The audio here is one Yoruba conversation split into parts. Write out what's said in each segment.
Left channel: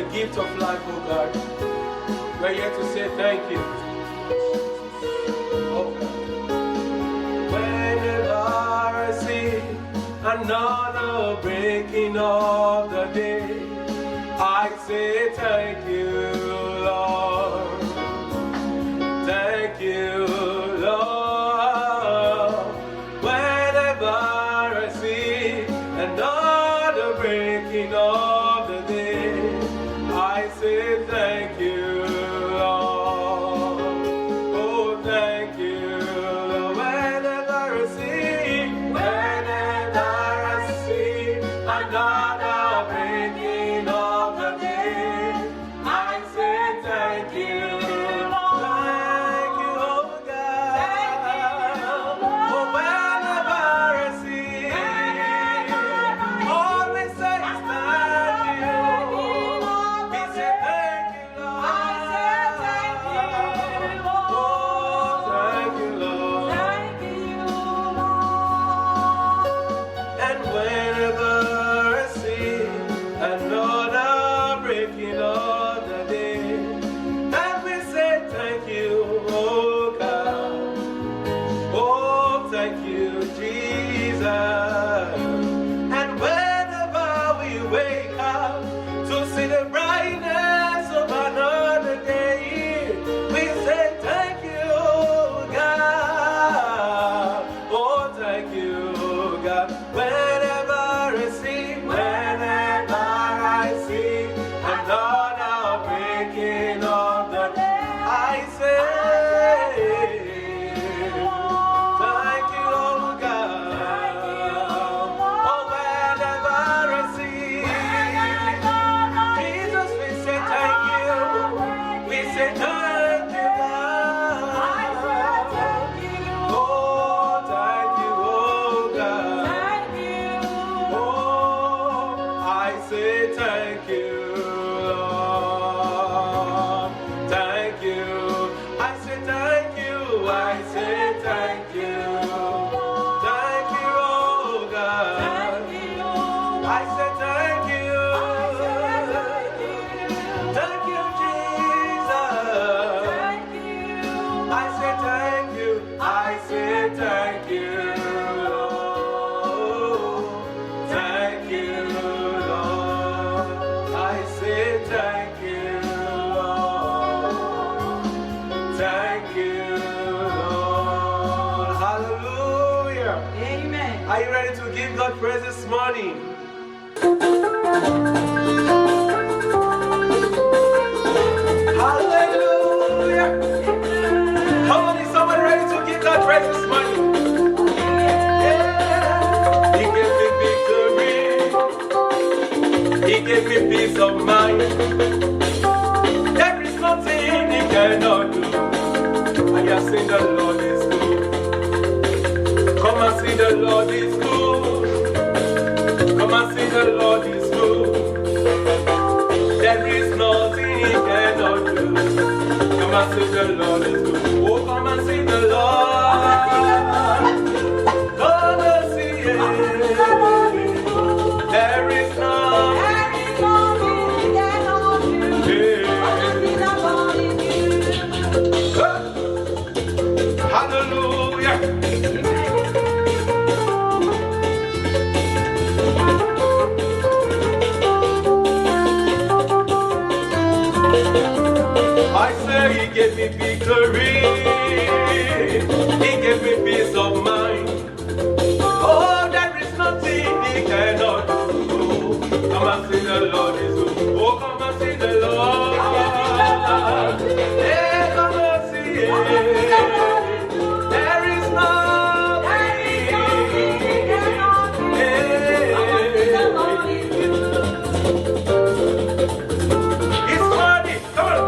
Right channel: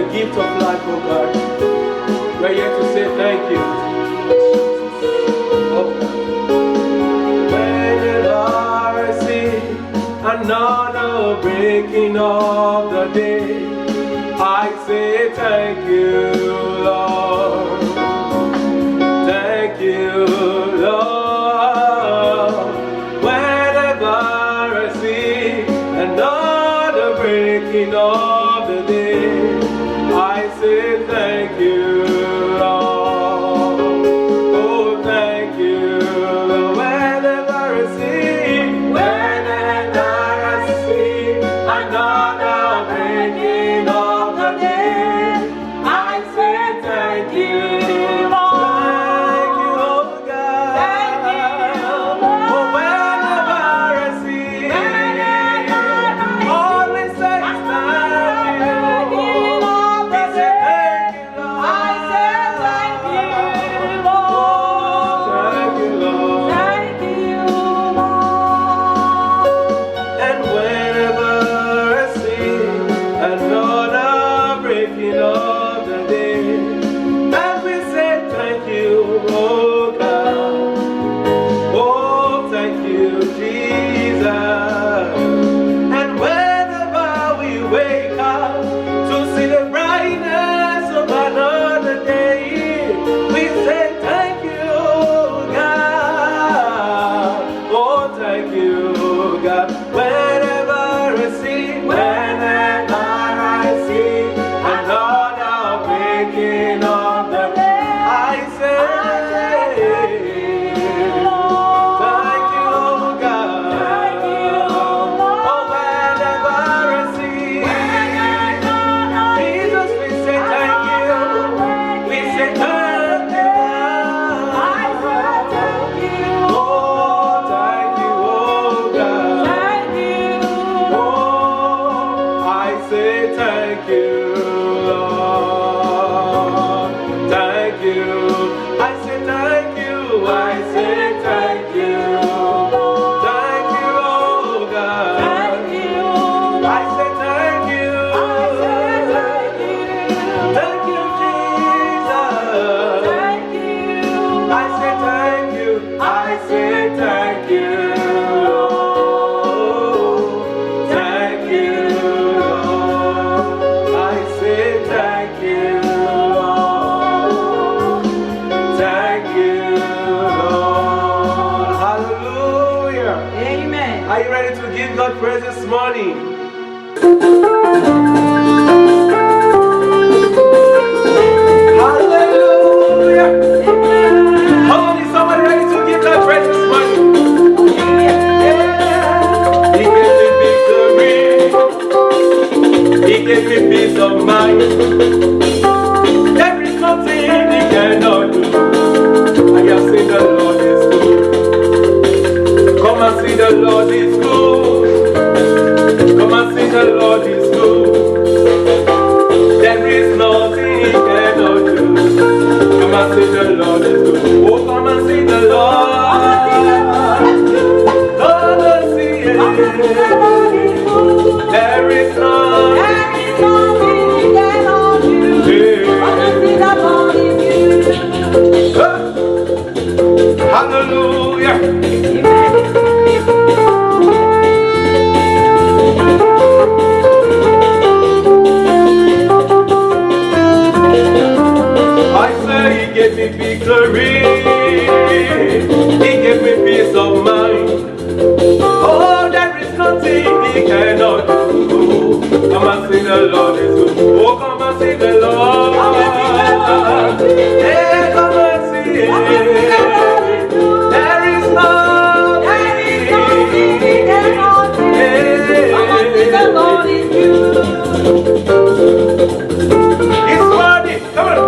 the gift of life, oh God. We're here to say thank you. Oh God. Whenever I see another breaking of the day, I say thank you, Lord. Thank you, Lord. Whenever I see another breaking of the day, I say thank you, Lord. Oh, thank you, Lord. Whenever I see another breaking of the day, I say thank you, Lord. Thank you, oh God. Thank you, Lord. Oh, whenever I see, all we say is thank you. We say thank you, Lord. I say thank you, Lord. Thank you, Lord. Thank you, Lord. And whenever I see another breaking of the day, and we say thank you, oh God. Oh, thank you, Jesus. And whenever we wake up to see the brightness of another day, we say thank you, God. Oh, thank you, God. Whenever I see another breaking of the day, I say thank you, God. Oh, whenever I see Jesus, we say thank you. We say thank you, God. Oh, thank you, oh God. Oh, I say thank you, Lord. Thank you. I say thank you. I say thank you. Thank you, oh God. I say thank you. Thank you, Jesus. I say thank you. I say thank you, Lord. Thank you, Lord. I say thank you, Lord. Thank you, Lord. Hallelujah. Amen. Are you ready to give God praise this morning? Hallelujah. Come on, is somebody ready to give God praise this morning? Yeah. He gave me victory. He gave me peace of mind. There is nothing He cannot do. I have seen the Lord is good. Come and see the Lord is good. Come and see the Lord is good. There is nothing He cannot do. Come and see the Lord is good. Oh, come and see the Lord. Come and see it. There is nothing. Hallelujah. I say He gave me victory. He gave me peace of mind. Oh, there is nothing He cannot do. Come and see the Lord is good. Oh, come and see the Lord. Yeah, come and see it. There is nothing He cannot do. Come and see the Lord is good. He's worthy. Come on.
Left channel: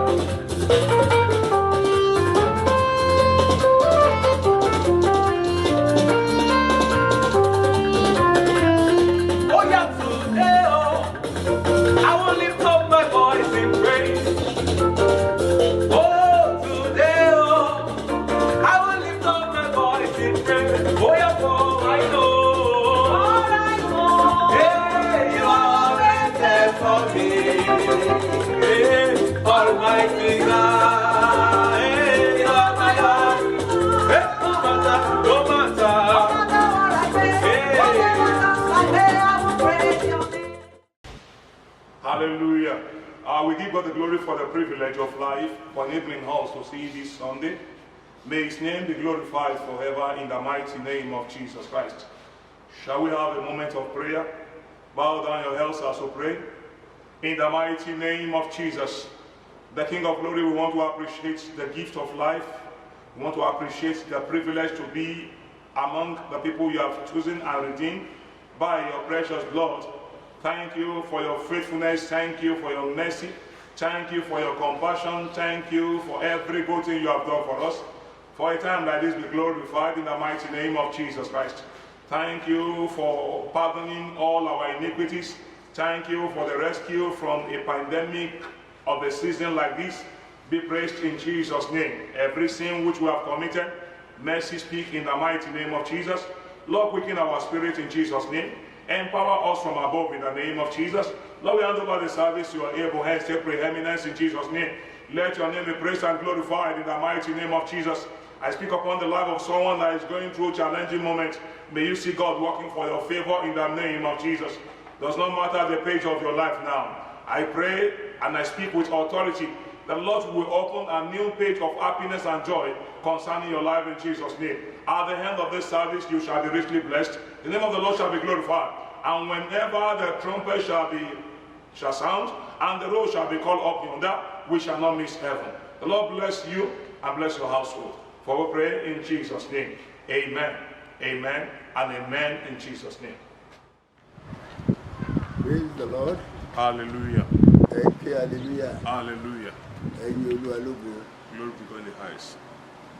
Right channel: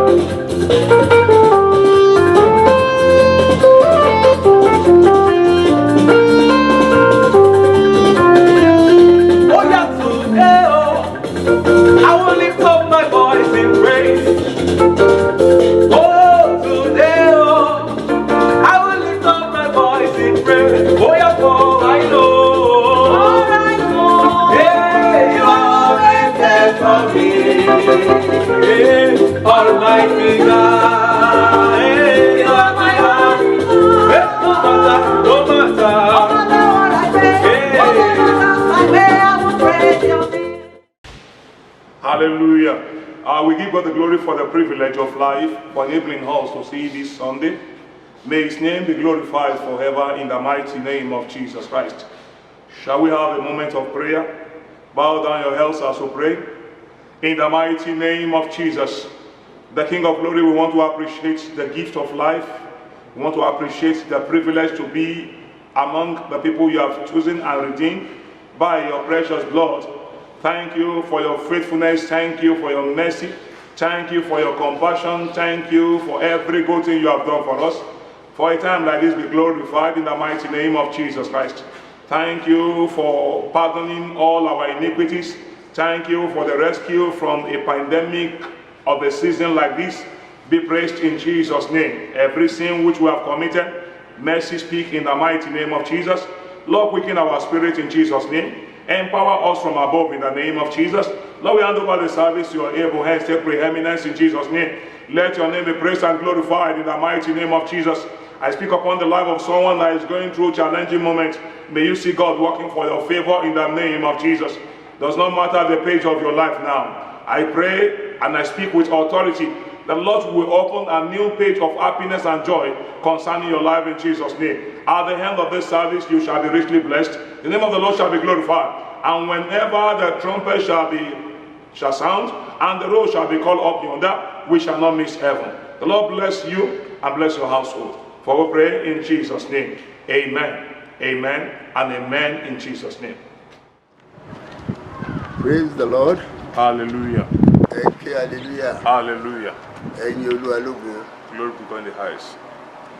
privilege of life, for enabling us to see this Sunday. May his name be glorified forever in the mighty name of Jesus Christ. Shall we have a moment of prayer? Bow down your heads as we pray. In the mighty name of Jesus, the King of Glory, we want to appreciate the gift of life. We want to appreciate the privilege to be among the people you have chosen and redeemed by your precious blood. Thank you for your faithfulness. Thank you for your mercy. Thank you for your compassion. Thank you for every good thing you have done for us. For a time like this, be glorified in the mighty name of Jesus Christ. Thank you for pardoning all our iniquities. Thank you for the rescue from a pandemic of a season like this. Be praised in Jesus' name. Every sin which we have committed, mercy speak in the mighty name of Jesus. Lord, quicken our spirit in Jesus' name. Empower us from above in the name of Jesus. Lord, we hand over the service to your able hands. Take preeminence in Jesus' name. Let your name be praised and glorified in the mighty name of Jesus. I speak upon the life of someone that is going through challenging moments. May you see God working for your favor in the name of Jesus. Does not matter the page of your life now. I pray and I speak with authority. The Lord will open a new page of happiness and joy concerning your life in Jesus' name. At the end of this service, you shall be richly blessed. The name of the Lord shall be glorified. And whenever the trumpet shall sound and the roll shall be called up yonder, we shall not miss heaven. The Lord bless you and bless your household. For we pray in Jesus' name. Amen. Amen and amen in Jesus' name. Praise the Lord. Hallelujah. Okay, hallelujah. Hallelujah. Ẹ̀yin Olúwa lógo. Glory be God in the highest.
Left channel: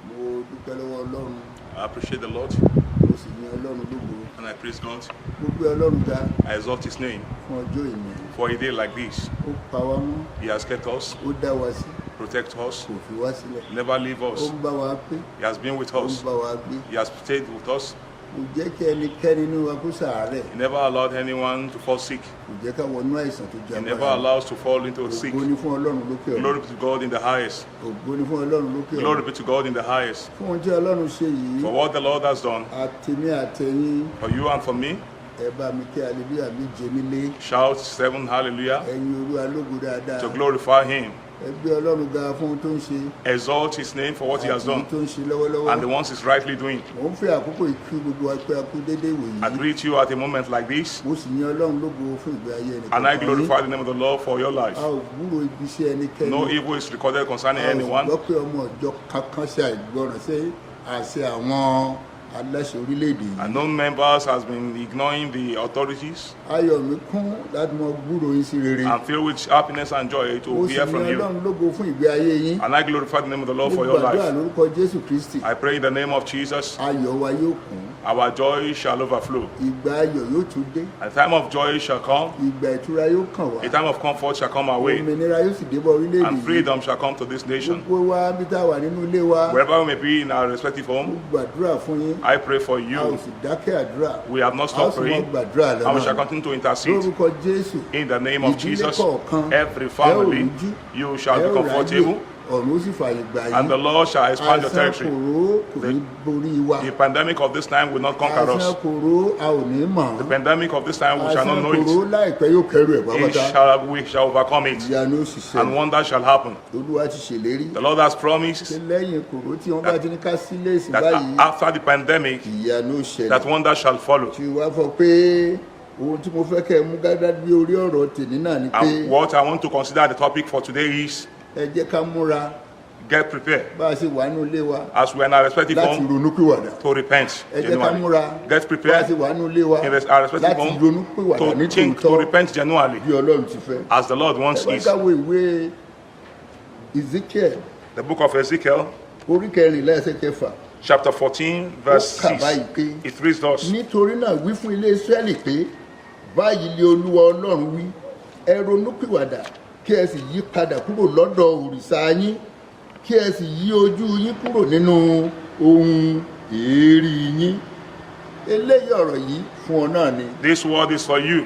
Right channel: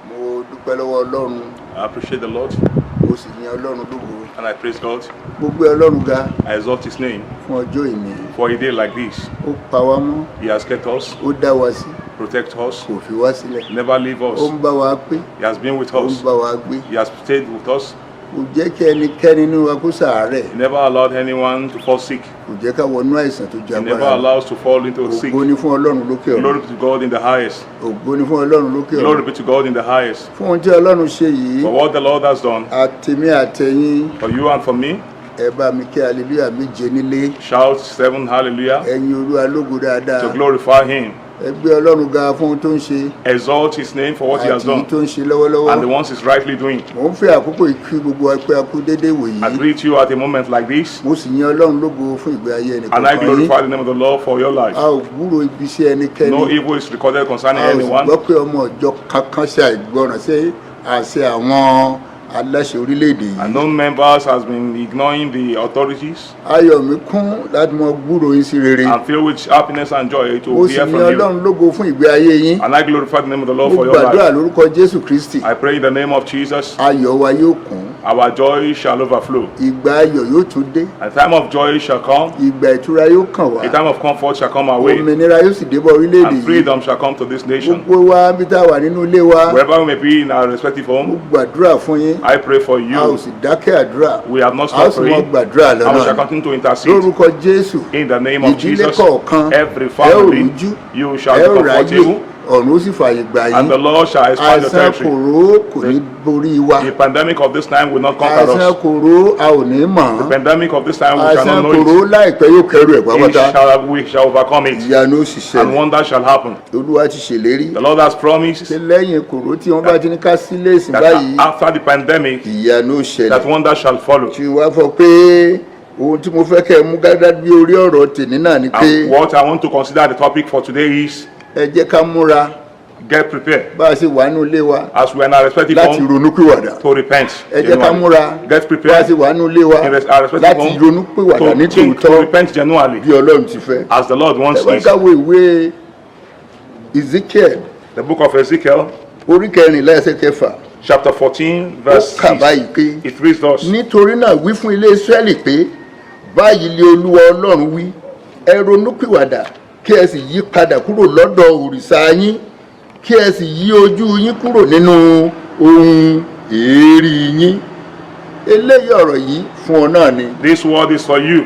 Mo dúpẹ́ lọ́wọ́ Ọlọ́run. I appreciate the Lord Mo sì yin Ọlọ́run lógo. and I praise God. Mo gbé Ọlọ́run ga I exalt his name fún ọjọ́ ìní. for a day like this. Ó pa wá mọ́. He has kept us, Ó dá wa sí. protect us, Kò fi wá sílẹ̀. never leave Ó us. ń bá wa pé. He has been with Ó ń us. bá wa gbé. He has stayed with us. Kò jẹ́ kí ẹnikẹ́ni nínú wa kó ṣàárẹ̀. He never allowed anyone to fall sick. Kò jẹ́ ká wọnú àìsàn tó ju He never agbára. allows to fall into sick. Ògo ni fún Ọlọ́run lókè Glory ọ̀run. be to God in the highest. Ògo ni fún Ọlọ́run lókè Glory ọ̀run. be to God in the highest. Fún ohun tí Ọlọ́run ṣe yìí, For what the Lord has done àtèmi àtẹ̀yin, for you and for me, ẹ bá mi kí hallelujah méje nílé. shout 7 hallelujah Ẹ̀yin Olúwa lógo dáadáa. to glorify him. Ẹ gbé Ọlọ́run ga fún ohun tó ń ṣe Exalt his name for what he has àti èyí done tó ń ṣe and the lọ́wọ́lọ́wọ́. ones he's rightly doing. Mò ń fẹ́ àkókò ìkí gbogbo ẹgbẹ́ akú dédé I wòyí. greet you at a moment like this Mo sì yin Ọlọ́run lógo fún ìgbé ayé and I ẹnìkọ̀ọ̀kan yín. glorify the name of the Lord for your life. A ò gbúrò ibi iṣẹ́ ẹnikẹ́ni. No evil is recorded concerning A ò sì anyone. gbọ́ pé ọmọ ọjọ́ kankan ṣe àìgbọràn sí àṣẹ àwọn aláṣẹ orílẹ̀-èdè And yìí. known members has been ignoring the authorities. Ayọ̀ mi kún láti mọ gbúrò yín sí rere. I'm filled with happiness and joy to Mo sì hear yin from you. Ọlọ́run lógo fún ìgbé ayé yín. And I glorify the name of the Lord Mo for your gbàdúrà life. lórúkọ Jésù Kristi. I pray in the name of Jesus, Ayọ̀ wa yóò kún. our joy shall overflow. Ìgbà ayọ̀ yóò tún dé. A time of joy shall come. Ìgbà ìtura yóò kàn wá. A time of comfort shall come our way. Òmìnira yóò sì débọ̀ orílẹ̀-èdè And yìí. freedom shall come to this nation. Gbogbo wa bí tá a wà nínú ilé wa. Wherever we may be in our respective Mo home, gbàdúrà fún yín. I pray for A ò you. sì dákẹ́ àdúrà. We have not A ó stopped sì mọ praying. gbàdúrà And we shall lọ́nà. continue to intercede. Lórúkọ Jésù. In the name of Ìdílé Jesus, kọ̀ọ̀kan. every Ẹ ò family, rújú. you Ẹ shall ò be ráyè. comfortable, Ọ̀run ó sì fààyè gbà and the yín. Lord shall expand your Àìsàn territory. kòró kò ní borí wa. The pandemic of this time will not conquer Àìsàn us. kòró a ò ní mọ̀. The pandemic of this time we shall Àìsàn not know kòró it. láìpẹ́ yóò kẹrù ẹ̀ pátápátá. We shall overcome it, Ìyanu ó sì and ṣẹlẹ̀. wonder shall happen. Olúwa ti ṣèlérí. The Lord has promised Ṣé lẹ́yìn kòró tí wọ́n bá ti ní ká sílé ìsìn that báyìí, after the pandemic, ìyanu ó that ṣẹlẹ̀. wonder shall follow. Tí wàá fọ pé ohun tí mo fẹ́ kẹ́ ẹ mú gádá bí orí ọ̀rọ̀ tèmi náà ni pé And what I want to consider the topic for today is ẹ jẹ́ ká múra get prepared bá a ṣe wà nínú ilé wa as we are in our respective láti home ronúpìwàdà. to repent. Ẹ jẹ́ ká genuinely. múra Get bá a prepared ṣe wà nínú ilé wa in our respective láti home ronúpìwàdà ní to think, to tòótọ́ repent genuinely bí Ọlọ́run ti fẹ́. as the Lord wants Ẹ wá it. ká wo ìwé Ezekiel The book of Ezekiel, orí kẹrìnlá ẹsẹ̀ kẹfà. chapter 14, Ó verse kà 6. báyìí pé It reads thus: nítorí náà wí fún ilé Ísírẹ́lì pé báyìí lé Olúwa Ọlọ́run wí ẹ ronúpìwàdà kí ẹ sì yí padà kúrò lọ́dọ̀ òrìṣà yín kí ẹ sì yí ojú yín kúrò nínú ohun èérí yín. Eléyìí ọ̀rọ̀ yìí fún ọ náà ni. This word is for you.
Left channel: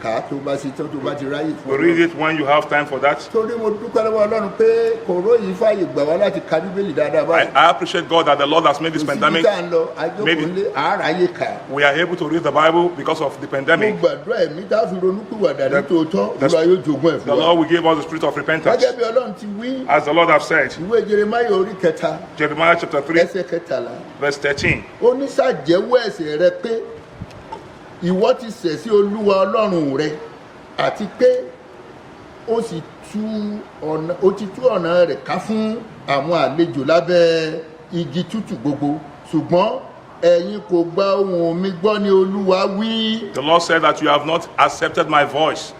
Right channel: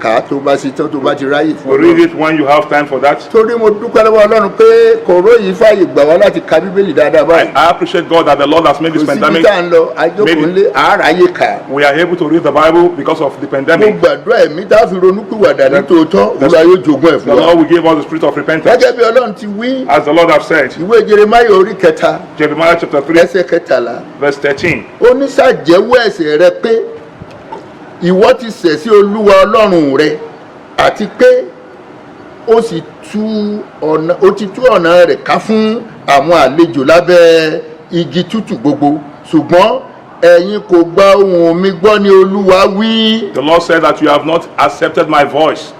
kà á tó bá ṣe tán tó bá ti ráyè fún Read Ọlọ́run. it when you have time for that. torí mo dúpẹ́ lọ́wọ́ Ọlọ́run pé kòró yìí fàyè gbà wá láti ka bíbélì dáadáa báyìí. I appreciate God that the Lord has made kò this síbi pandemic. tá à ń lọ àjókòó ńlé àáráyé kà á. We are able to read the Bible because of the mo pandemic. gbàdúrà ẹ̀mí tá a fi ronúpìwàdà ní tòótọ́ Olúwa yóò jogún ẹ̀ The fún wa. Lord will give us the spirit of repentance. gẹ́gẹ́ bí Ọlọ́run ti wí As the Lord has said, ìwé Jeremáyà orí kẹta Jeremiah chapter 3, ẹsẹ̀ kẹtàlá verse 13. ó ní ṣàjẹ́wọ́ ẹ̀ṣẹ̀ rẹ pé ìwọ ti ṣẹ̀ sí Olúwa Ọlọ́run rẹ àti pé ó sì tú ọ̀nà rẹ̀ ká fún àwọn àlejò lábẹ́ igi tútù gbogbo ṣùgbọ́n ẹ̀yin kò gba ohùn mi gbọ́ ní Olúwa wí. The Lord said that you have not accepted my voice.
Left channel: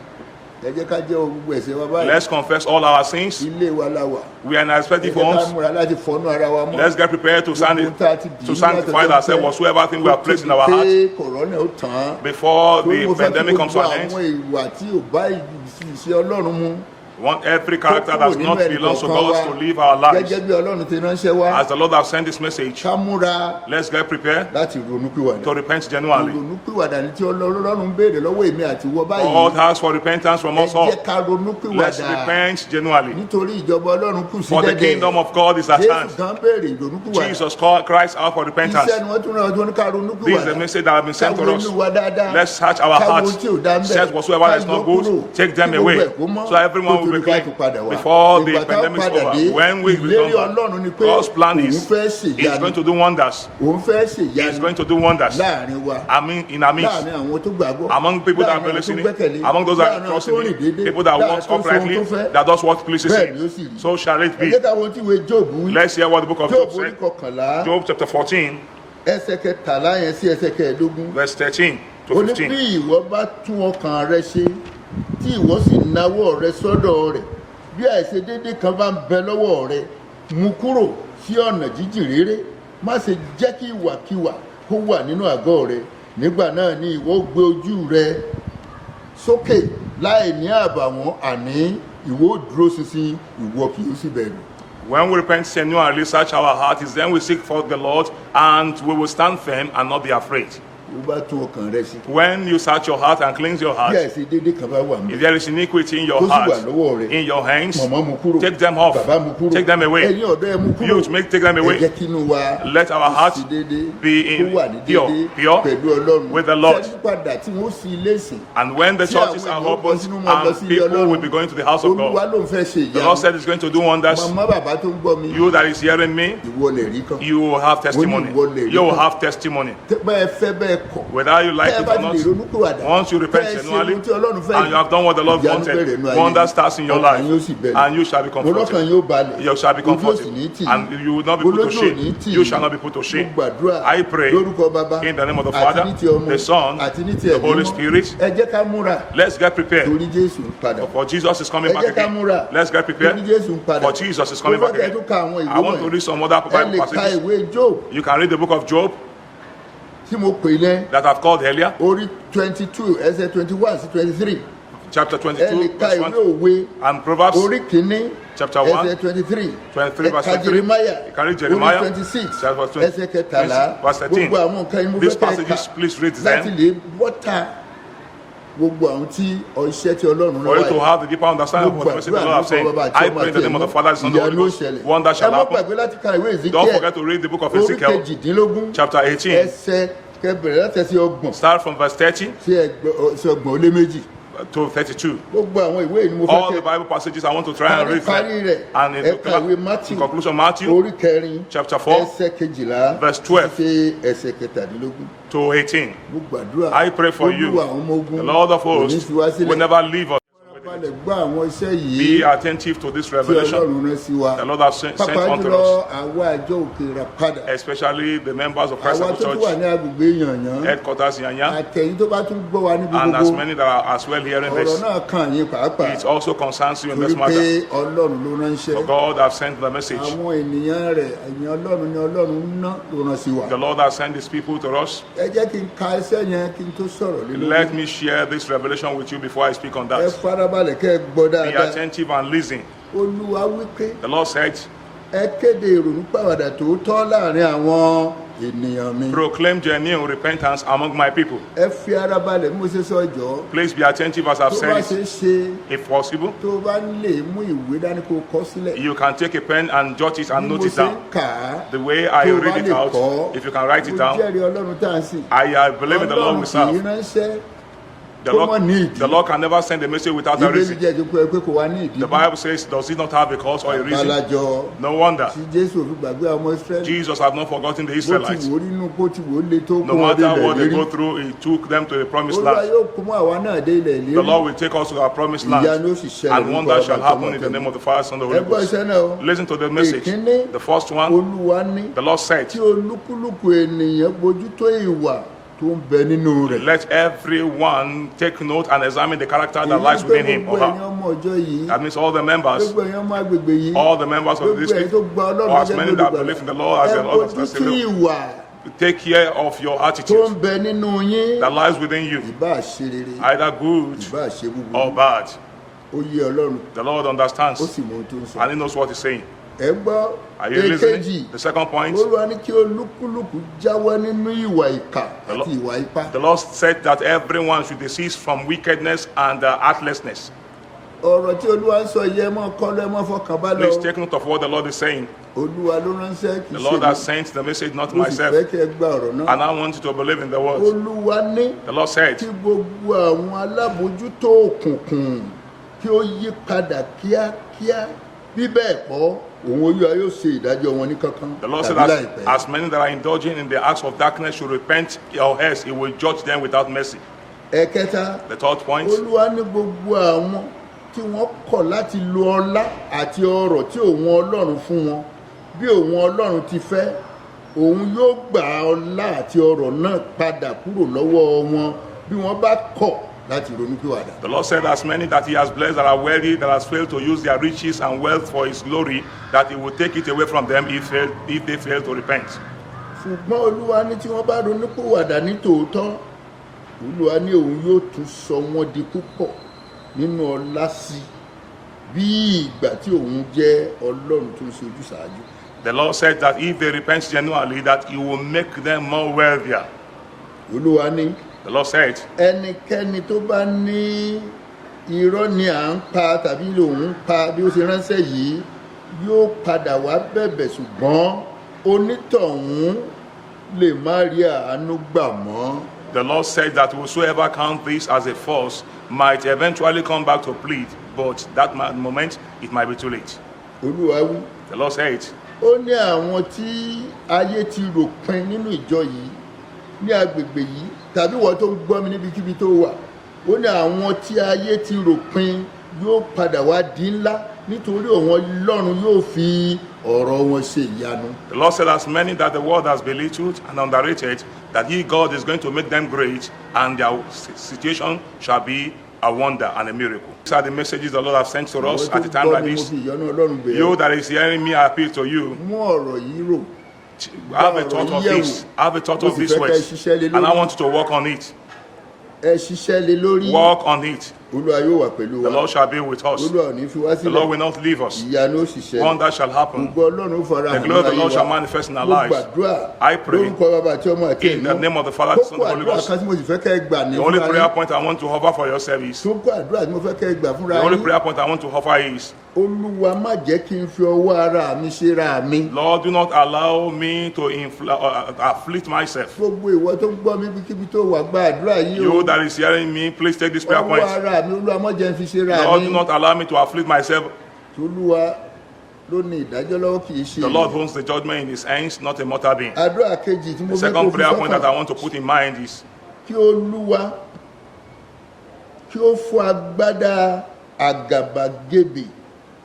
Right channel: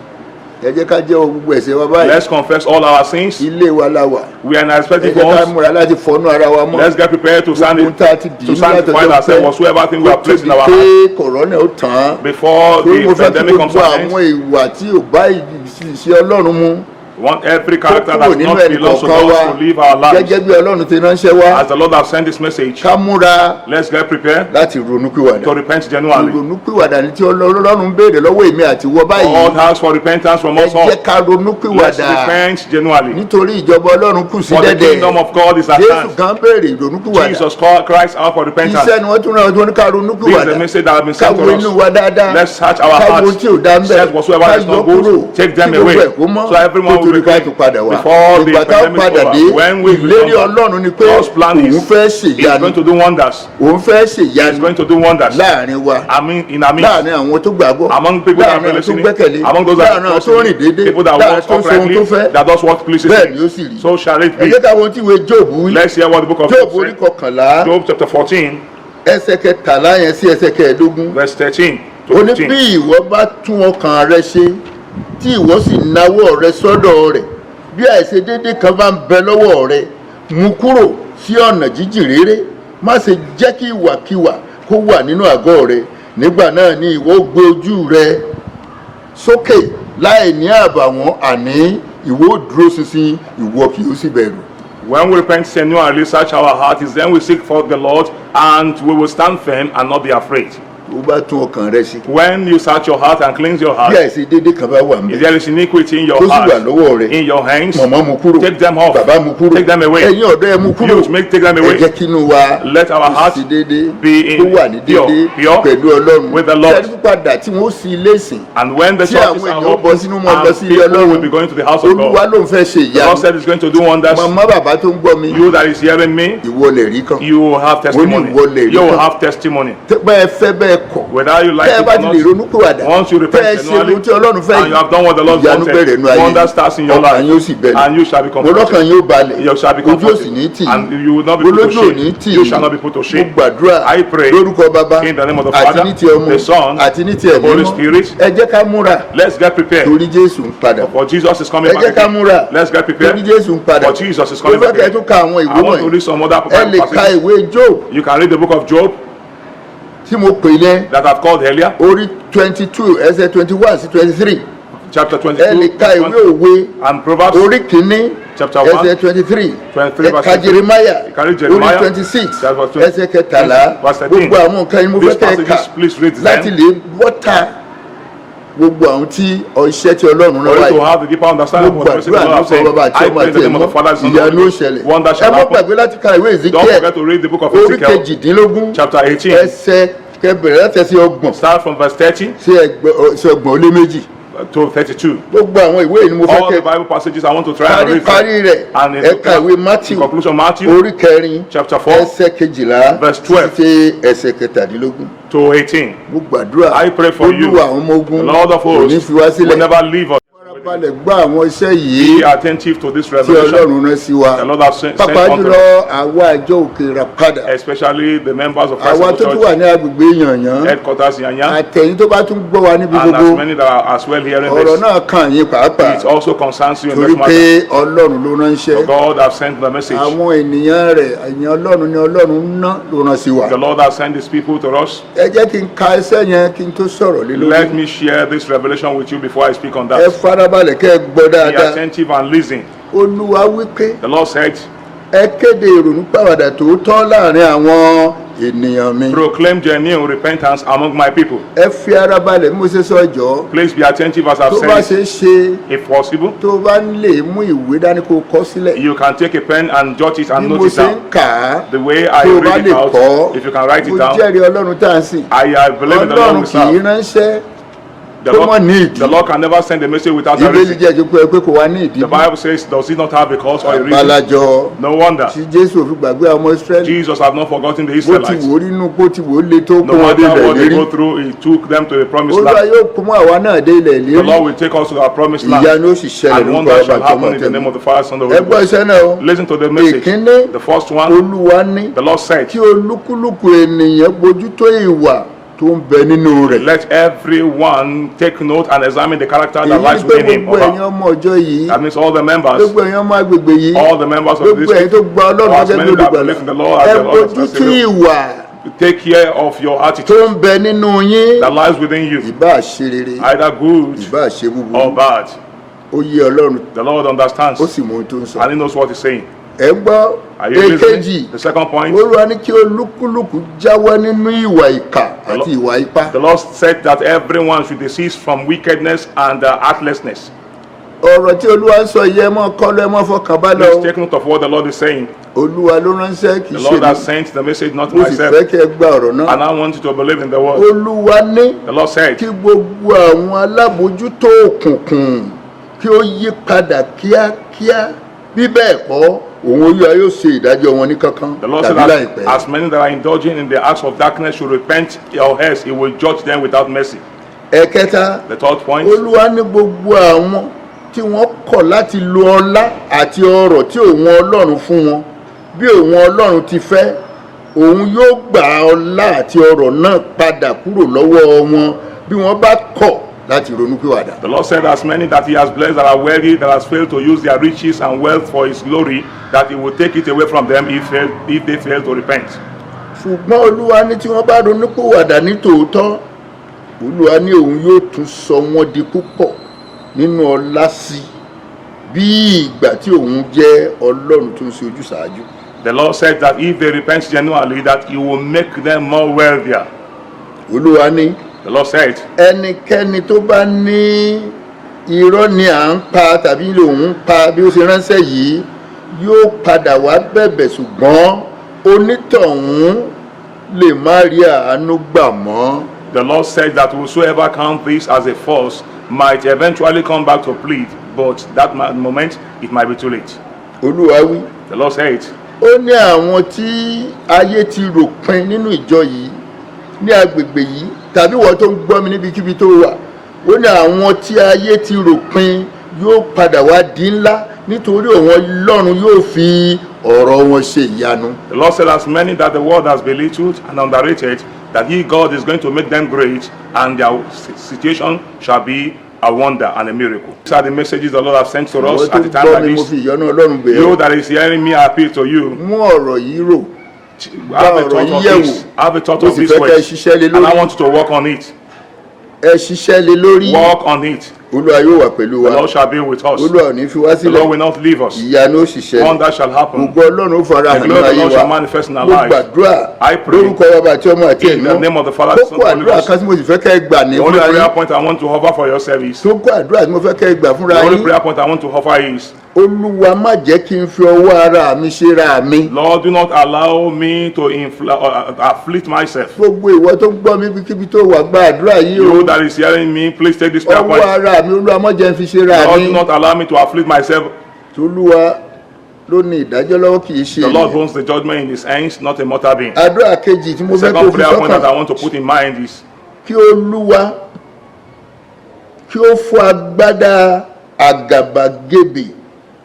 ẹ jẹ́ ká jẹ́wọ́ gbogbo ẹ̀ṣẹ̀ wa báyìí. Let's confess all our sins. ilé wa la wà. We are in a ẹ respective jẹ́ ká homes. múra láti fọnú ara wa mọ́. Let's get prepared to Gbogbo tá a ti dì í sanctify ourselves whatsoever thing we are placed in our pé heart kòrónà ó tán. before torí mo the fẹ́ kí pandemic comes to gbogbo an end. àwọn ìwà tí ò bá ìṣe Ọlọ́run mu. We want every character kúrò that nínú not ẹnì belongs to kọ̀ọ̀kan wa us to live our lives. gẹ́gẹ́ bí Ọlọ́run ti ránṣẹ́ wá. As the Lord has sent this message, ká múra let's get prepared láti ronúpìwàdà. to repent genuinely. ìrònúpìwàdà ni tí Ọlọ́run ń béèrè lọ́wọ́ èmi àti wọ God báyìí. asks for repentance from ẹ us all. jẹ́ ká Let's ronúpìwàdà repent genuinely. nítorí ìjọba Ọlọ́run kù sí For the dẹ́dẹ̀. kingdom of God is at Jésù hand. kan béèrè ìrònúpìwàdà. Jesus Christ out for repentance. iṣẹ́ ni wọ́n tún rán ọdún ká This is the ronúpìwàdà. message that has been sent káwo to inú us. wa dáadáa. Let's search our káwo hearts. tí ò dá ń bẹ̀. Search whatsoever is not good. Take them away. So everyone will be clean before the ìgbà tá a pandemic padà is dé over. When we ìlérí return, Ọlọ́run ni pé God's plan is òun fẹ́ He's going ṣèyanu to do wonders. òun fẹ́ He's ṣèyanu going to do wonders. láàrin wa I mean, in our midst. láàrin àwọn tó gbàgbọ́ Among people that láàrin are àwọn tó listening, gbẹ́kẹ̀lé among those that láàrin àwọn tó rìn déédéé people that láàrin walk tó ń sọ ohun uprightly, tó fẹ́ that does what pleases bẹ́ẹ̀ ni ó Him. sì rí. So shall it ẹ be. jẹ́ ká wo tí ìwé Jóòbù wí. Let's hear what the book of Jóòbù Job orí said. kọkànlá Job chapter 14, ẹsẹ̀ kẹtàlá yẹn sí ẹsẹ̀ kẹẹ̀ẹ́dógún. verse 13 to ó ní 15. bí ìwọ bá tún ọkàn rẹ ṣe tí ìwọ sì nawọ́ rẹ sọ́dọ̀ rẹ̀ bí àìṣedéédé kan bá ń bẹ lọ́wọ́ rẹ mú kúrò sí ọ̀nà jíjìn réré má ṣe jẹ́ kí ìwàkiwà kó wà nínú àgọ́ rẹ nígbà náà ni ìwọ ó gbé ojú rẹ sókè láì ní àbàwọ́n àní ìwọ ó dúró ṣinṣin ìwọ kì yóò sì bẹ̀rù. When we repent genuinely, search our heart, is then we seek for the Lord, and we will stand firm and not be afraid. ó bá tún ọkàn rẹ ṣe. When you search your heart and cleanse your bí heart, àìṣedéédé kan bá wà ń if bẹ there is iniquity in your tó sì wà heart, lọ́wọ́ rẹ in your hands, mọ̀mọ́ mú kúrò take them off. bàbá mú kúrò Take them away. ẹ̀yin ọ̀dọ́ ẹ mú kúrò Youth, take them ẹ away. jẹ́ kínú wa Let our heart sí déédéé be in kó wà ní déédéé pure pẹ̀lú Ọlọ́run with the Lord. ẹni pípadà tí wọ́n sì ilé ìsìn And when the tí churches àwọn are èèyàn bọ́ open, sínú mọ́ lọ and sí ilé people will be Ọlọ́run going to the house of Olúwa God, ló ń fẹ́ ṣe the Lord ìyanu said He's going to do wonders. màmá bàbá tó ń gbọ́ mi You that is hearing me, ìwọ lè rí kan you will have testimony. You will have testimony. bẹ́ẹ̀ fẹ́ bẹ́ẹ̀ kọ̀ Whether you like tẹ́ ẹ it bá or ti lè not, ronúpìwàdà once you tẹ́ ẹ repent ṣe genuinely, ohun tí Ọlọ́run fẹ́ and you have done what the Lord ìyanu bẹ̀rẹ̀ wanted, nú ayé wonder starts in your ọkàn yóò life, sì bẹ̀rẹ̀ and you shall be mo comforted. lọ́kàn yóò balẹ̀ You shall be ojú òsì ní comforted, tì and you will not be put to olójú ò ní shame. tì You shall not be put to mo shame. gbàdúrà I pray lórúkọ bàbá in the name of the àti Father, ní ti ọmọ the Son, àti ní ti the ẹ̀mí Holy mọ́ Spirit. ẹ jẹ́ ká múra Let's get prepared. torí Jésù ń padà For Jesus is coming ẹ back jẹ́ ká again. múra Let's get torí prepared. Jésù ń padà For Jesus is mo coming fẹ́ back kẹ́ ẹ again. tún ka àwọn I ìwé want to wọ̀nyí read some other ẹ lè ka passages. ìwé Job You can read the book of Job tí mo pè lẹ́ that I've called earlier, orí 22 ẹsẹ̀ 21 sí 23 chapter ẹ lè 22, ka ìwé òwe and Proverbs orí kìíní chapter 1, ẹsẹ̀ 23 23 ẹ verse ka 23. Jeremiah You can read orí Jeremiah, 26 chapter 20, ẹsẹ̀ kẹtàlá verse 13. gbogbo àwọn nǹkan yìí mo These fẹ́ kẹ́ ẹ kà passages, please read them. láti lè wọ́ta gbogbo àwọn tí iṣẹ́ tí Ọlọ́run rán For you to wáyé have the deeper understanding of mo what the message of the gbàdúrà Lord is nípa saying. bàbá àti I ọmọ pray in àti the name of the ẹ̀mọ́ Father, Son, and ìyanu Holy ó Spirit. ṣẹlẹ̀ Wonder ẹ shall má happen. gbàgbé láti ka ìwé Don't Ezekiel forget to read the book of orí Ezekiel, kejìdínlógún chapter 18. ẹsẹ̀ kẹbẹ̀rẹ̀ láti ẹsẹ̀ ọgbọ̀n Start from verse 30 sí ọgbọ̀n ó lé méjì to 32. gbogbo àwọn ìwé yìí ni mo fẹ́ All the kẹ́ Bible passages I want to try and read parí them. rẹ̀ And in ẹ ka ìwé the Matthew conclusion, Matthew orí kẹrin chapter 4 ẹsẹ̀ kejìlá verse 12 sí ẹsẹ̀ kẹtàdínlógún to 18. mo gbàdúrà I pray for you. Olúwa àwọn ọmọ The ogun Lord of kò ní hosts fi wá will sílẹ̀ never leave us. balẹ̀ gbọ́ àwọn iṣẹ́ yìí Be attentive to this tí revelation. Ọlọ́run rán sí wa The Lord has sent pàápàá unto jùlọ us, àwa àjọ òkè Ìràpadà especially the members of Christ àwa Apostolic tó tún wà Church ní agbègbè yànyàn headquarters in Yanya, àtẹ̀yìn tó bá tún gbọ́ wa níbi and as gbogbo many that are as well hearing ọ̀rọ̀ this. náà kàn yín pàápàá It also concerns you in torí this pé matter. Ọlọ́run ló ránṣẹ́ For God has sent the message. àwọn ènìyàn rẹ̀ èèyàn Ọlọ́run ni Ọlọ́run ń ná ló rán sí wa The Lord has sent His people to us. ẹ jẹ́ kí n ka ẹsẹ̀ yẹn kí n tó sọ̀rọ̀ lé lórí Let me share this revelation with you before I speak on ẹ that. farabalẹ̀ kẹ́ ẹ gbọ́ Be dáadáa attentive and listen. Olúwa wí pé The Lord said, ẹ kéde ìrònúpìwàdà tòótọ́ láàrin àwọn ènìyàn mi. Proclaim genuine repentance among my people. ẹ fi ara balẹ̀ bí mo ṣe sọ jọ. Please be attentive as I've tó bá said. ṣe é ṣe If possible, tó bá lè mú ìwé dání kó kọ sílẹ̀. you can take a pen and jot it and bí mo note it ṣe ń down. kà á The way I tó bá read lè it out, kọ́ if you can write it mo down, jẹ́rìí ọlọ́run tá à ń sìn. I believe in the Lord ọlọ́run we kì í serve. ránṣẹ́ The tó mọ̀ Lord, ní ìdí. the Lord can never send a message without a ìbéèrè reason. jẹ́ ẹjọ́ pé kò wá ní ìdí. The Bible says, does it not have a cause or a reason? àbálàjọ No wonder. tí jésù fi gbàgbé àwọn ọmọ israẹli. Jesus had not forgotten the bó ti Israelites. wò ó nínú bó ti wò ó le tó No kún wọn dé matter ilẹ̀ what they go lérí. through, He took them to the promised olúwa land. yóò kún mọ́ àwa náà dé ilẹ̀ The lérí. Lord will take us to our promised land. ìyanu ó sì ṣẹlẹ̀ And nípa wonder shall ọba tó happen mọ̀ in the name tẹ́lẹ̀. of the Father, Son, and the ẹ Holy gbọ́ Ghost. iṣẹ́ náà o. Listen to the message. ìkíní The first one, olúwa ní the Lord said, kí olúkúlùkù ènìyàn bójútó ìwà tó ń bẹ nínú rẹ̀. let everyone take note and examine the character that èyí lies ni pé within him. gbogbo ẹ̀yin ọmọ ọjọ́ yìí That means all the members, gbogbo ẹ̀yin ọmọ agbègbè yìí all the members of gbogbo this ẹ̀yin tó gba ọlọ́run as gẹ́gẹ́ bí many that olùgbàlà believe in the Lord as ẹ the Lord as bójútó Savior. ìwà Take care of your tó attitude ń bẹ nínú yín that lies within you, ìbá ṣe rere either good ìbá ṣe or búburú bad. ó yé ọlọ́run The Lord understands ó sì mọ ohun tó ń sọ. and He knows what He's saying. ẹ ń gbọ́ Are you èkejì listening? The second point, olúwa ní kí olúkúlùkù jáwọ́ nínú ìwà ìkà àti ìwà ipá. the Lord said that everyone should desist from wickedness and heartlessness. ọ̀rọ̀ tí olúwa ń sọ yìí ẹ mọ́ kọ́lọ́ ẹ mọ́ fọkàn bá lọ. Please take note of what the Lord is saying. olúwa ló ránṣẹ́ kì í The ṣe Lord has mi sent the message, not mo sì fẹ́ myself. kí ẹ gba ọ̀rọ̀ náà. And I want you to believe in the word. olúwa ní The Lord said, kí gbogbo àwọn alábòójútó òkùnkùn kí ó yí padà kíákíá bí bẹ́ẹ̀ kọ́ òun olúwa yóò ṣe ìdájọ́ wọn ní kankan the Lord said tàbí that láìpẹ́. as many that are indulging in the acts of darkness should repent or else He will judge them without mercy. ẹ̀kẹta The third point, olúwa ní gbogbo àwọn tí wọ́n kọ̀ láti lo ọlá àti ọrọ̀ tí òun ọlọ́run fún wọn bí òun ọlọ́run ti fẹ́ òun yóò gba ọlá àti ọrọ̀ náà padà kúrò lọ́wọ́ wọn bí wọ́n bá kọ̀ láti ronúpìwàdà. the Lord said, as many that He has blessed that are wealthy, that has failed to use their riches and wealth for His glory, that He will take it away from them if they fail to repent. ṣùgbọ́n olúwa ní tí wọ́n bá ronúpìwàdà ní tòótọ́ olúwa ní òun yóò tún sọ wọ́n di púpọ̀ nínú ọlá sí bí ìgbà tí òun jẹ́ ọlọ́run tó ń ṣe ojúsàájú. The Lord said that if they repent genuinely, that He will make them more wealthier. olúwa ní The Lord said, ẹnikẹ́ni tó bá ní irọ́ ni à ń pa tàbí lòun ń pa bí ó ṣe ránṣẹ́ yìí yóò padà wá bẹ̀bẹ̀ ṣùgbọ́n onítọ̀hún lè má rí àánú gbà mọ́. the Lord said that whosoever count this as a false might eventually come back to plead, but that moment it might be too late. olúwa wí The Lord said, ó ní àwọn tí ayé ti rò pin nínú ìjọ yìí ní agbègbè yìí tàbí wọ́n tó ń gbọ́ mi níbikíbi tó wà ó ní àwọn tí ayé ti rò pin yóò padà wá di ńlá nítorí òun ọlọ́run yóò fi ọ̀rọ̀ wọn ṣe ìyanu. the Lord said, as many that the world has belittled and underrated, that He, God, is going to make them great, and their situation shall be a wonder and a miracle. These are the messages the Lord has sent to us àwọn at tó a time gbọ́ like mi mo this. fi ìyọ́nú ọlọ́run bẹ̀ You ọ́ that is hearing me, I appeal to you. mú ọ̀rọ̀ yìí rò Have a ọ̀rọ̀ thought yìí of yẹ̀ this. wò Have a thought mo of sì this fẹ́ kẹ́ ẹ way. ṣiṣẹ́ lé And I lórí want you to work on it. ẹ ṣiṣẹ́ lé lórí Work on it. olúwa yóò wà pẹ̀lú The wa Lord shall be with us. olúwa ò ní fi wá The sílẹ̀ Lord will not leave us. ìyanu ó sì ṣẹlẹ̀ Wonder shall happen. gbogbo ọlọ́run ó fara The hàn glory of the láyé Lord wa shall manifest in our mo lives. gbàdúrà I pray lórúkọ bàbá àti ọmọ àti in the ẹ̀mí name of the Father, the Son, kókó and the Holy àdúrà Ghost. kan tí mo sì fẹ́ kẹ́ ẹ gbà ní The only fúnra prayer yín point I want to offer for your service, kókó àdúrà tí mo fẹ́ kẹ́ ẹ gbà fúnra the only yín prayer point I want to offer is, olúwa má jẹ́ kí n fi ọwọ́ ara mi ṣe ra mi Lord, do not allow me to afflict myself. gbogbo ìwọ tó ń gbọ́ mi bíkíbi tó wà gba àdúrà yìí o You that is hearing me, please take this prayer ọwọ́ point. ara mi olúwa má jẹ́ n fi ṣe ra Lord, mi do not allow me to afflict myself. tolúwa ló ní ìdájọ́ lọ́wọ́ kì í ṣe The Lord ènìyàn. owns the judgment in His hands, not a mortal being. àdúrà kejì tí mo The fẹ́ kó second fi prayer point that I sọ́kàn want to put in mind is, kí olúwa kí ó fọ́ agbádá àgàbàgebè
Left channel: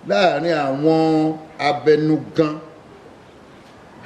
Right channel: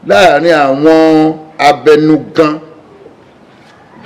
láàrin àwọn abẹnugan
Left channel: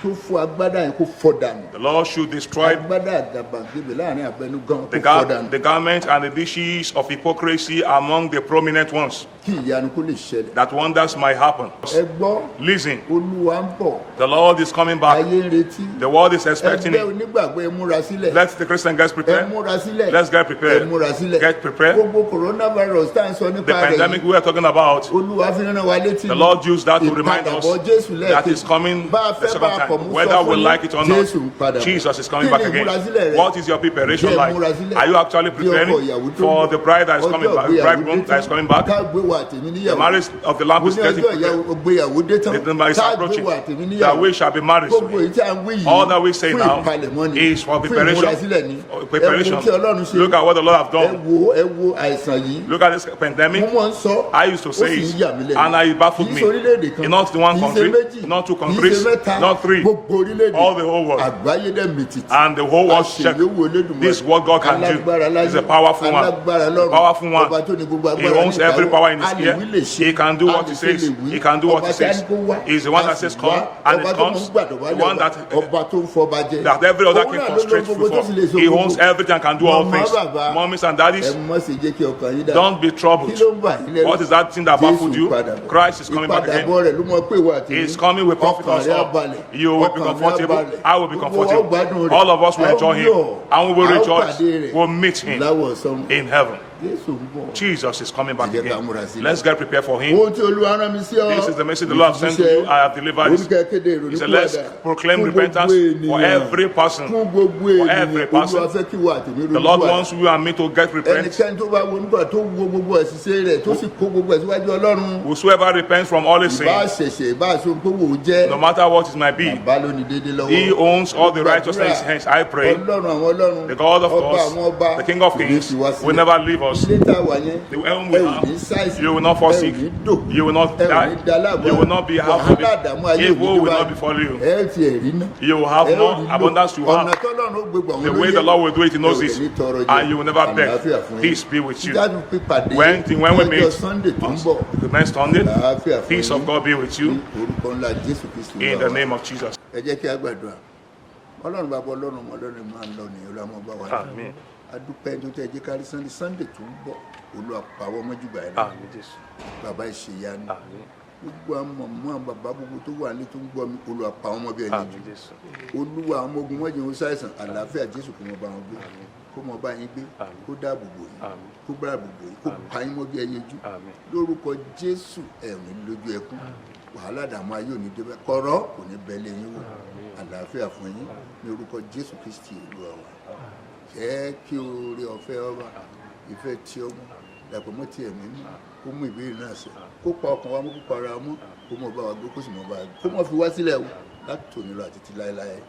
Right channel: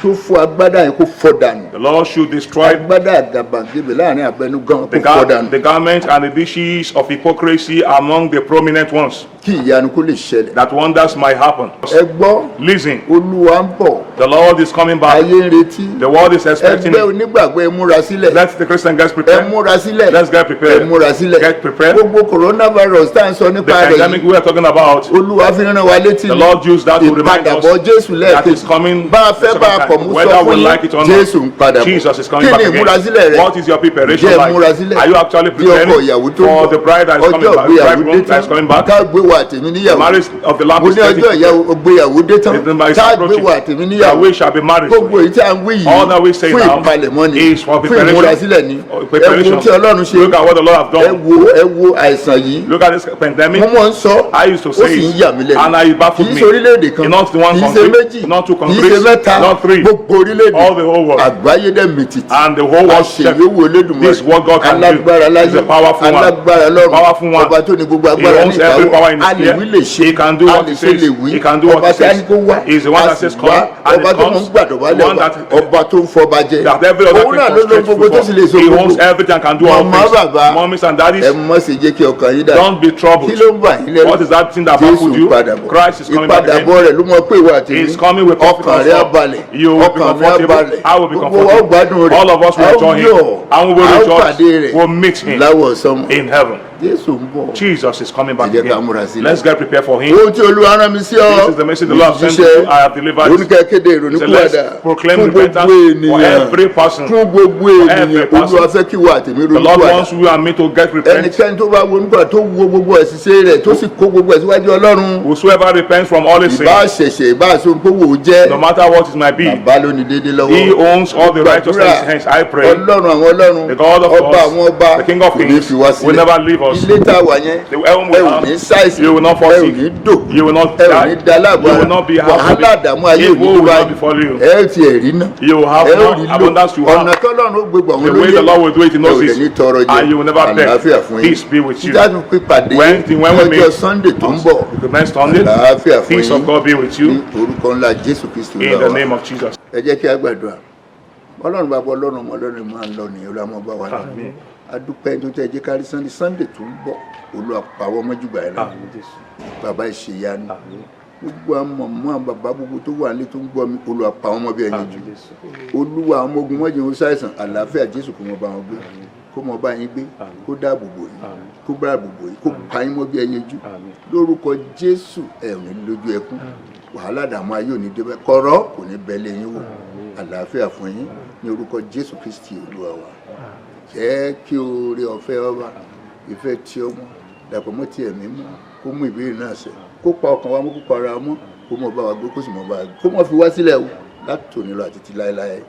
tó fọ́ agbádá yẹn kó fọ́ dànù. The Lord should destroy agbádá àgàbàgebè láàrin abẹnugan kó fọ́ dànù. the garment and the dishes of hypocrisy among the prominent ones, kí ìyanu kó lè ṣẹlẹ̀. that wonders might happen. ẹ gbọ́ Listen, olúwa ń bọ̀. the Lord is coming back. ayé ń retí. The world is expecting ẹgbẹ́ it. onígbàgbọ́ ẹ múra sílẹ̀. Let the Christian get ẹ prepared. múra sílẹ̀. Let's get ẹ prepared. múra sílẹ̀. Get prepared. gbogbo coronavirus tá à ń sọ The nípa rẹ̀ pandemic yìí we are talking about, olúwa fi rán wa létí the Lord used that to remind us ìpadàbọ̀ jésù that is lẹ́ẹ̀kejì. coming bá a the fẹ́ second bá a kọ̀ time. mú Whether sọ we fún like it or yín not, jésù ń padà bọ̀. Jesus is coming kí back ni again. ìmúrasílẹ̀ rẹ? What is your preparation jẹ́ like? ìmúrasílẹ̀. Are you actually bí ọkọ preparing ìyàwó tó ń for bọ̀. the bride that is coming ọjọ́ back, the ìgbéyàwó bridegroom dé that is tán coming back? ká gbé wa tèmi The níyàwó. marriage of the Lamb mo is ní ọjọ́ getting ìgbéyàwó dé tán ká gbé wa tèmi that níyàwó. we shall be married gbogbo soon. èyí tí a ń wí All that we yìí say fún now ìpalẹ̀mọ́ ni is for fún preparation. ìmúrasílẹ̀ ni. ẹ Preparation. wo tí ọlọ́run ṣe. Look at what the Lord has done. ẹ wo àìsàn yìí. Look at this pandemic. mo mọ̀ ń sọ I used to ó say sì ń it, yà mí lẹ́nu. and it baffled kì í me. ṣe orílẹ̀-èdè kan Not the one kì í ṣe country, méjì not two kì í countries, ṣe mẹ́ta not three. gbogbo orílẹ̀-èdè All the whole world. àgbáyé dẹ̀ mìtìtì. And the whole world àṣeyọwò Olódùmarè. This is what God can do. alágbára láyé He's a powerful one. alágbára lọ́run Powerful one. ọba tó ní gbogbo He agbára ní owns every power in his a lè wí lè ṣe He can do a what lè he ṣe says. lè wí He can do what ọba he tí a says. ní kó wá He's the one a that sì says come, wá and ọba it tó mọ̀ ń comes. gbàdọ̀bálẹ̀ The one wá that- ọba tó ń fọba jẹ That every other òun thing náà ló ló constrains gbogbo tó sì lè so He owns gbogbo everything and can do all Mama, things. baba. Mommies and daddies, ẹ mọ̀ sí jẹ́ kí ọkàn yín dà don't be troubled. kí ló ń bà yín lẹ́nu What is that thing that Jésù baffled ń you? padà bọ̀ Christ is coming back again. ìpadàbọ̀ rẹ̀ ló mọ̀ pé ìwà àtẹ̀mí He's coming with ọkàn confidence. rẹ̀ á balẹ̀ You will be ọkàn rẹ̀ á comfortable. balẹ̀ I will be gbogbo wa ó comfortable. gbádùn rẹ̀ All of us will a ó enjoy yọ̀ him. And we will a ó pàdé rejoice. rẹ̀ We'll meet him láwọ̀ sọ́mọ̀ in heaven. Jésù ń bọ̀. Jesus is coming back Ẹ jẹ́ ká again. múra sílẹ̀. Let's get prepared for him. ohun tí olúwa rán mi sí ọ This is the message the Lord has sent to you. I have delivered it. oníkẹ́ kéde So let's ìrònúkúwàdà proclaim fún repentance gbogbo for ènìyàn every person. fún gbogbo every ènìyàn person. olúwa fẹ́ kí wà tèmi The Lord wants ronúkúwàdà you and me to get repent. ẹnikẹ́ni tó bá wo nígbà tó wo gbogbo ẹ̀sìṣẹ́ rẹ̀ tó sì kó gbogbo ẹ̀ síwájú ọlọ́run Whosoever repents from all his ìbá sins, ṣẹ̀ṣẹ̀ ìbá aṣoǹkówó jẹ́ no matter what it might be, bàbá ló ní déédéé he lọ́wọ́ owns all the righteousness in his hands. I pray. ọlọ́run àwọn ọlọ́run The God of ọba gods, àwọn ọba the King of kò ní kings, fi wá will sílẹ̀ never leave us. ilé tá a wà yẹn The heaven ẹ will ò ní not. ṣàìsàn You will not fall ẹ ò sick. ní dò You will not ẹ ò ní die. da láàbò You will not be wàhálà àdàmú ayé Evil òní tó will not báyìí befall you. ẹ ò tiẹ̀ rí náà You will have ẹ ò more rí lò abundance you ọ̀nà have. tọ́lọ́run ó gbégbá òun The ló way yẹ the Lord will do it, he ẹ knows ò dẹ̀ ní it. tọrọ jẹ And you will never àlàáfíà beg. fún yín Peace be with you. títí pípàdé When we ọjọ́ meet Sunday tó ń bọ̀ the next Sunday, àlàáfíà fún peace of yín God be with ní you orúkọ ńlá Jésù Kristi in the Olúwa name wa of Jesus. ẹ jẹ́ kí a gbàdúrà ọlọ́run bàbá ọlọ́run ọmọ ọlọ́run máa ń lọ nìyẹn olúwa máa bá wa lọ adúpẹ́ tó tẹ́ jẹ́ kárí Sunday tó ń bọ̀ olúwa pàwọ́ mọ́júgbà ẹ̀ náà bàbá ìṣèyanu gbogbo àwọn mọ̀mọ́ àwọn bàbá gbogbo tó wà nílé tó ń gbọ́ mi olúwa pa wọ́n mọ́ bí ẹyin jù olúwa àwọn ọmọ ogun mọ́jì ń ṣàìsàn àlàáfíà Jésù kó mọ bá wọn gbé kó mọ bá yín gbé kó dáàbò bò yín kó dáàbò bò yín kó pa yín mọ́ bí ẹyin jù lórúkọ Jésù ẹ̀ ò ní lójú ẹkún wàhálà dààmú ayé ò ní débẹ̀ kọ̀rọ̀ kò ní bẹ́lẹ̀ yín wò àlàáfíà fún yín ní orúkọ Jésù Kristi olúwa wa jẹ́ kí oore ọ̀fẹ́ ọba ìfẹ́ tí ọmọ dàpọ̀ mọ́ ti ẹ̀mí mọ́ kó mú ìbéèrè náà ṣẹ kó pa ọkàn wa mọ́ kó pa ara mọ́ kó mọ̀ bá wa gbé kó sì mọ̀ bá wa gbé kó mọ̀ fi wá sílẹ̀ o láti tòní lọ àti ti láéláé.